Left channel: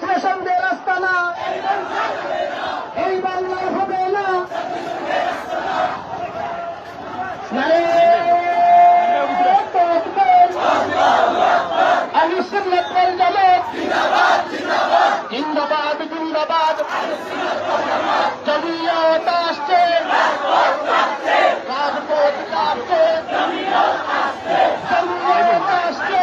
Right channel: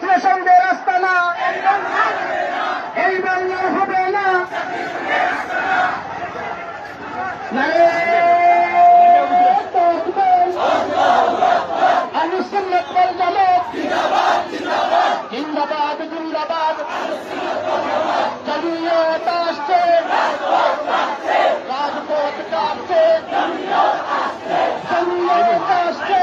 ছাত্র সংঘের আস্তানা এই বাংলার হবে না। জিন্দাবাদ জিন্দাবাদ জমিয়ত আসছে, রাজপথ কাঁপছে, জমিয়ত আসছে,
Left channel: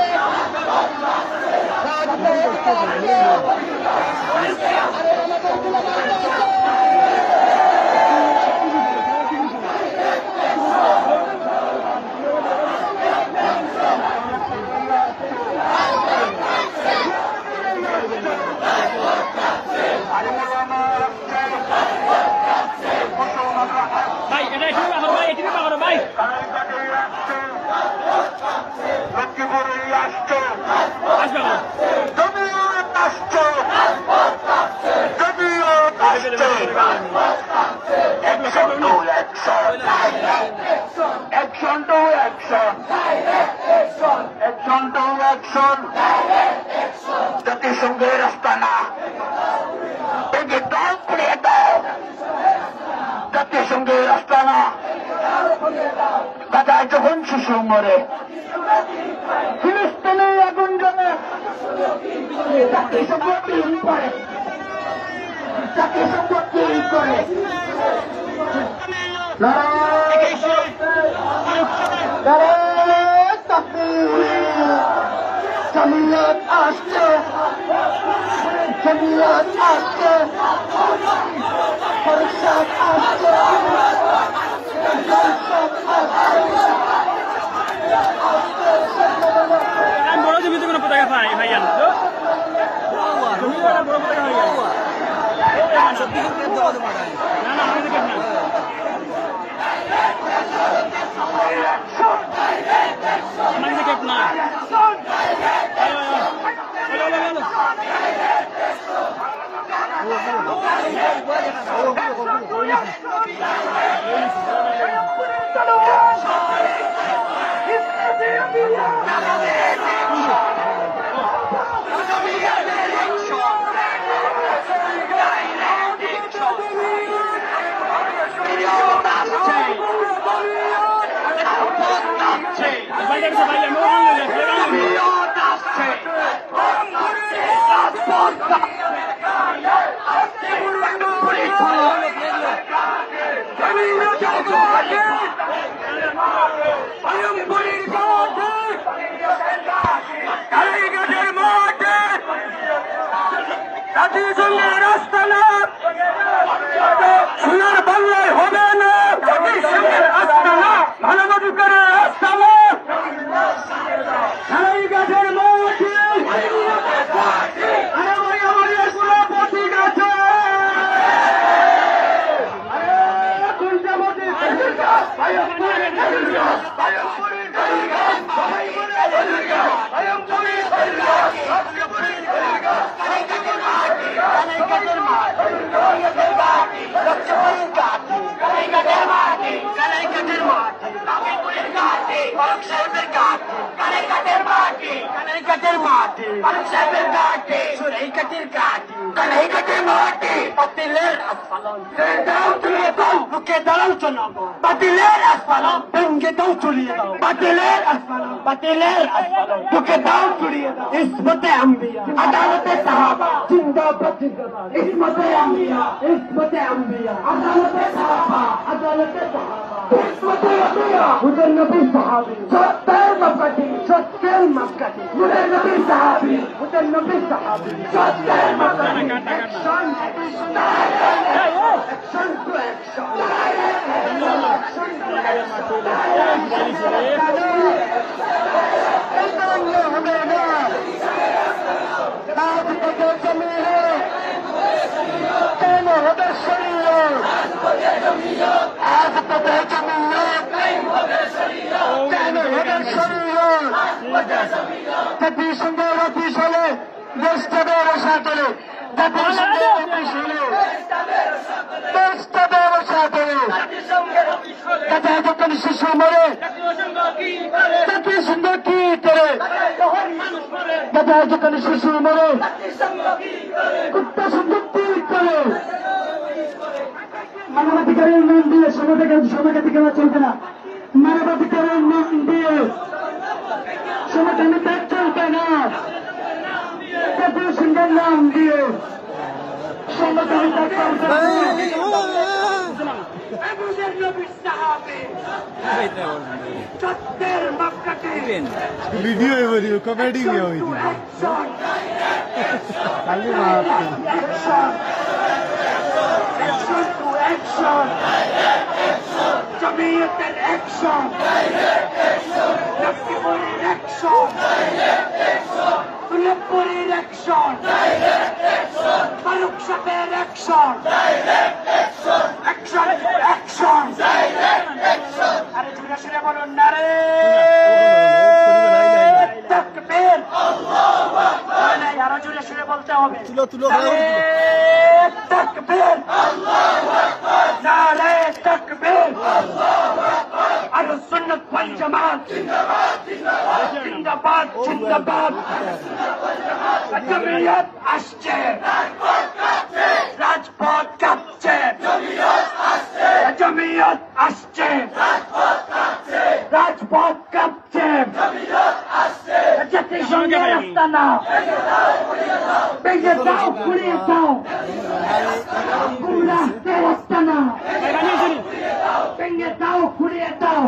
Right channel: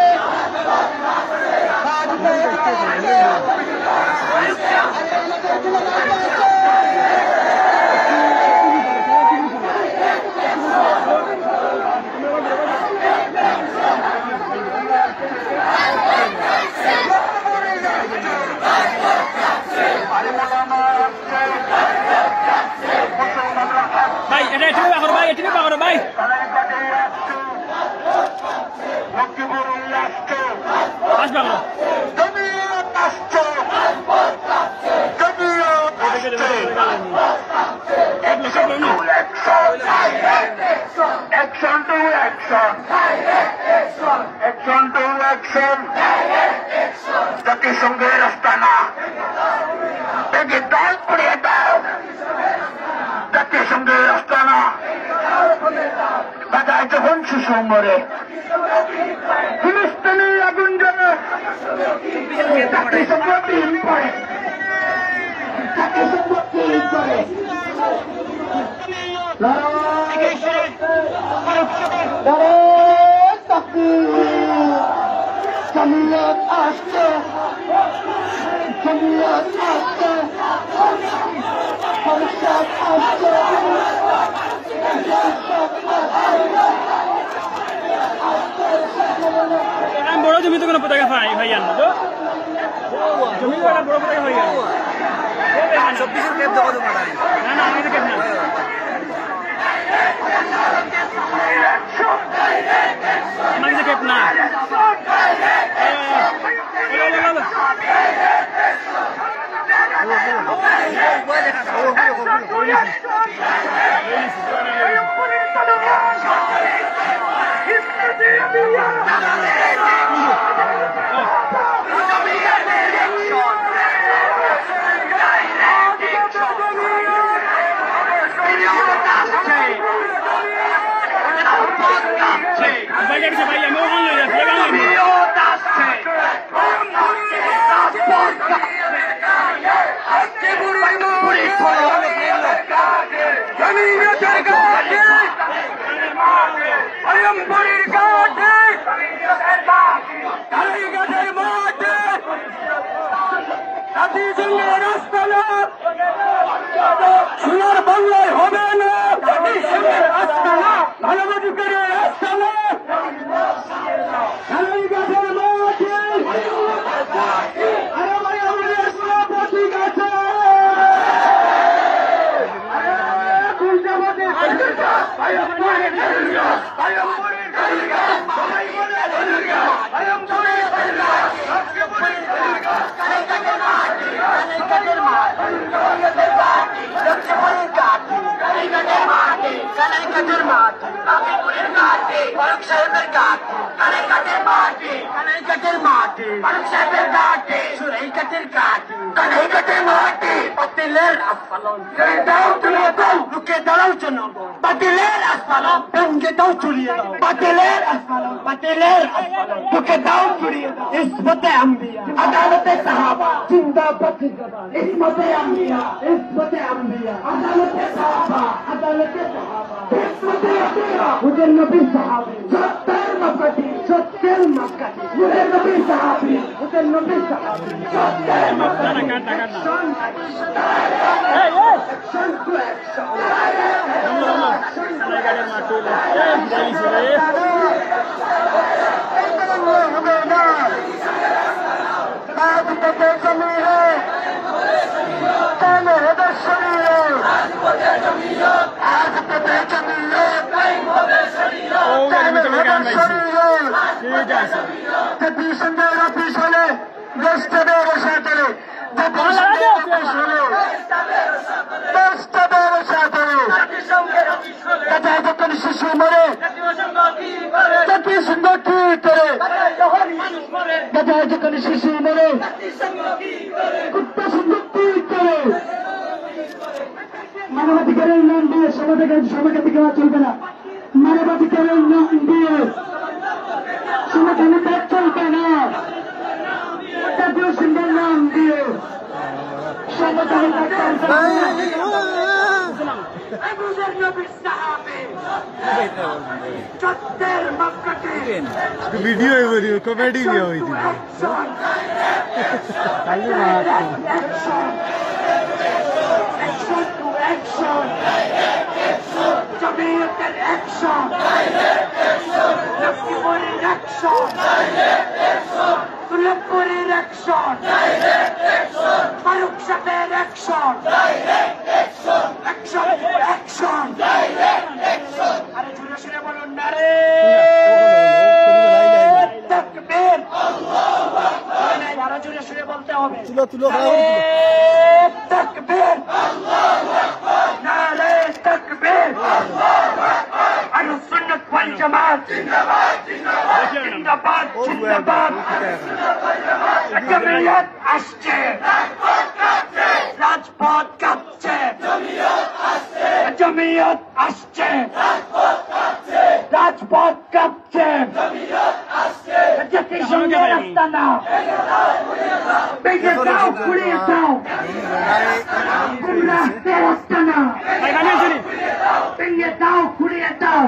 জাতিসংঘের আস্তানা থেকে দল করে দাও, জাতিসংঘের আস্তানা গাজায় যখন শিশু মরে, ফিলিস্তিনে আগুন জ্বলে, জাতিসংঘ টিম করে, জাতিসংঘ টিম করে জমিয়ত আসছে, জমিয়ত আসছে, সংসদ আসছে, বড় জমি তো কোনো পতাকা ভাই ভাইয়ান জমি বড় বড় পতাকা ভাইয়ান 26 এর ক্যাপ দেবো তো মারা আমাদের ক্যাপ না জাতিসংঘের আস্তানা সোনার বাংলায় হবে না, জাতিসংঘের আস্তানা মানবাধিকারের আস্তানা গাছের মাটি, আরে ভাই আমাদের কোনো প্রতীক আছে ফারুক সাহেবের ঘাটে, কানাইঘাটের মাটি, কানাইঘাটের মাটি, ফারুক সাহেবের ঘাটে, সুরাইঘাটের ঘাটে, কানাইঘাটের মাটি, বাতিলের আস্ফালন দাও তুলে দাও, রুখে দাঁড়াও জনগণ, বাতিলের আস্ফালন ভেঙে দাও চুরিয়ে দাও, বাতিলের আস্ফালন, বাতিলের আস্ফালন রুখে দাও চুরিয়ে দাও। ইসমতে আম্বিয়া, আদালতে সাহাবা, জিন্দাবাদ জিন্দাবাদ, ইসমতে আম্বিয়া, ইসমতে আম্বিয়া, আদালতে সাহাবা, আদালতে সাহাবা, ইসমতে আম্বিয়া, হুজুর নবী সাহাবী, সত্যের নবী, সত্যের মক্কাতি, হুজুর নবী সাহাবী, হুজুর নবী সাহাবী, সত্যের নবী, জাতিসংঘের অফিস হলে দেশ চলে, রসা চলে, যখন শিশু মরে জাতীয় সঙ্গ কি করে, যখন শিশু মরে কুত্তা সঙ্গ কি করে। মানবাধিকারের নাম দিয়ে সমাধিকার চলবে না। মানবাধিকারের নাম দিয়ে সমাধানের চলবে না। জাতীয় সঙ্গের নাম দিয়ে वीडियो कॉमेडी भी हुई थी জমিয়তের অ্যাকশন, লক্ষ্মীপুরের অ্যাকশন, দুর্লভপুরের অ্যাকশন, ফারুক সাহেবের অ্যাকশন, অ্যাকশন অ্যাকশন। আরে জুড়ে শুনে বলুন না রে তাকবীর, আরো জুড়ে শুনে বলতে হবে তাকবীর, নারে তাকবীর। আহলে সুন্নাত ওয়াল জামাত জিন্দাবাদ জিন্দাবাদ। জমিয়ত আসছে, রাজপথ কাঁপছে, জমিয়ত আসছে, রাজপথ কাঁপছে, জাতিসংঘের আস্তানা ভেঙে দাও, ঘুরিয়ে দাও, গুমরাহদের আস্তানা ভেঙে দাও, ঘুরিয়ে দাও।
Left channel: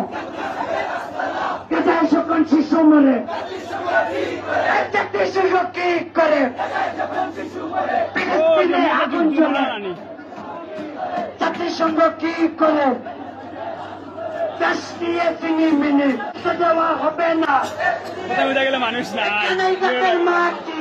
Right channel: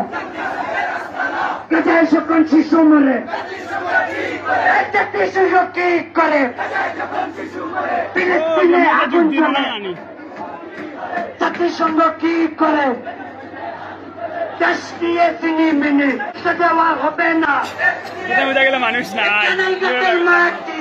কোথায় যখন শিশু মরে জাতিসংঘ কি করে, ফিলিস্তিনে আগুন জ্বলে জাতিসংঘ কি করে, দেশ নিয়ে তিনি মেনে দেওয়া হবে না। মানুষ নাই মাটি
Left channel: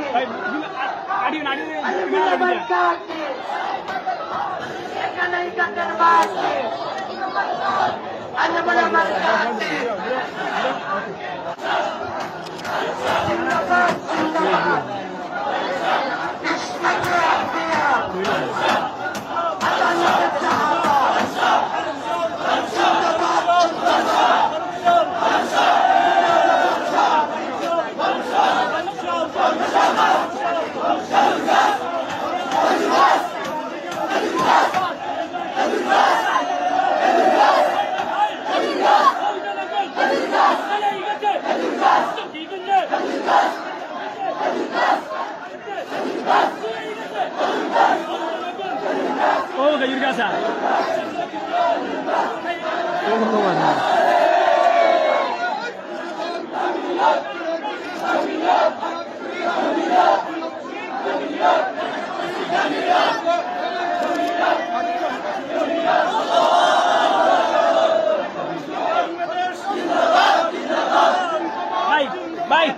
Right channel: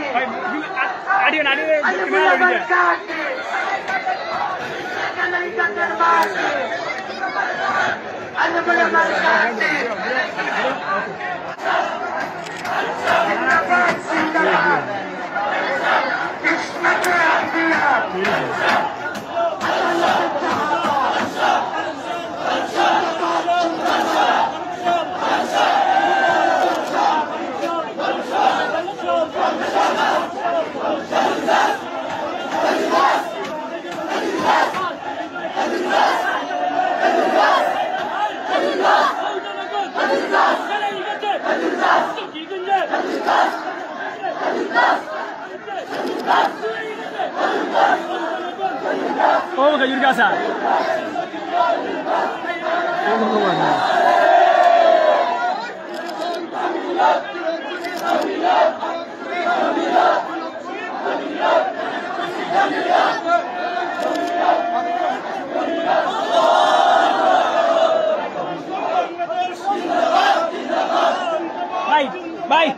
Oh, kayo biasa. Oh, kawan. Bye,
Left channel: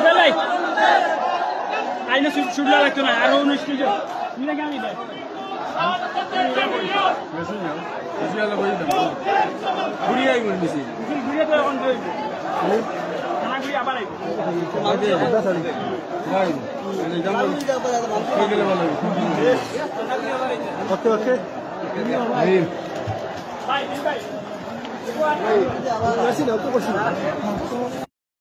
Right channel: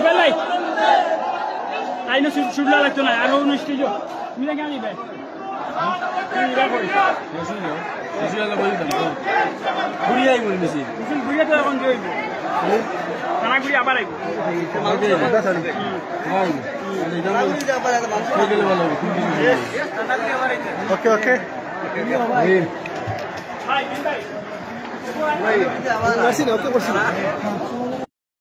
bye. Ay, na sudah lagi na. Araw na studio. Mira kami ba? Okay, okay. Bye, bye.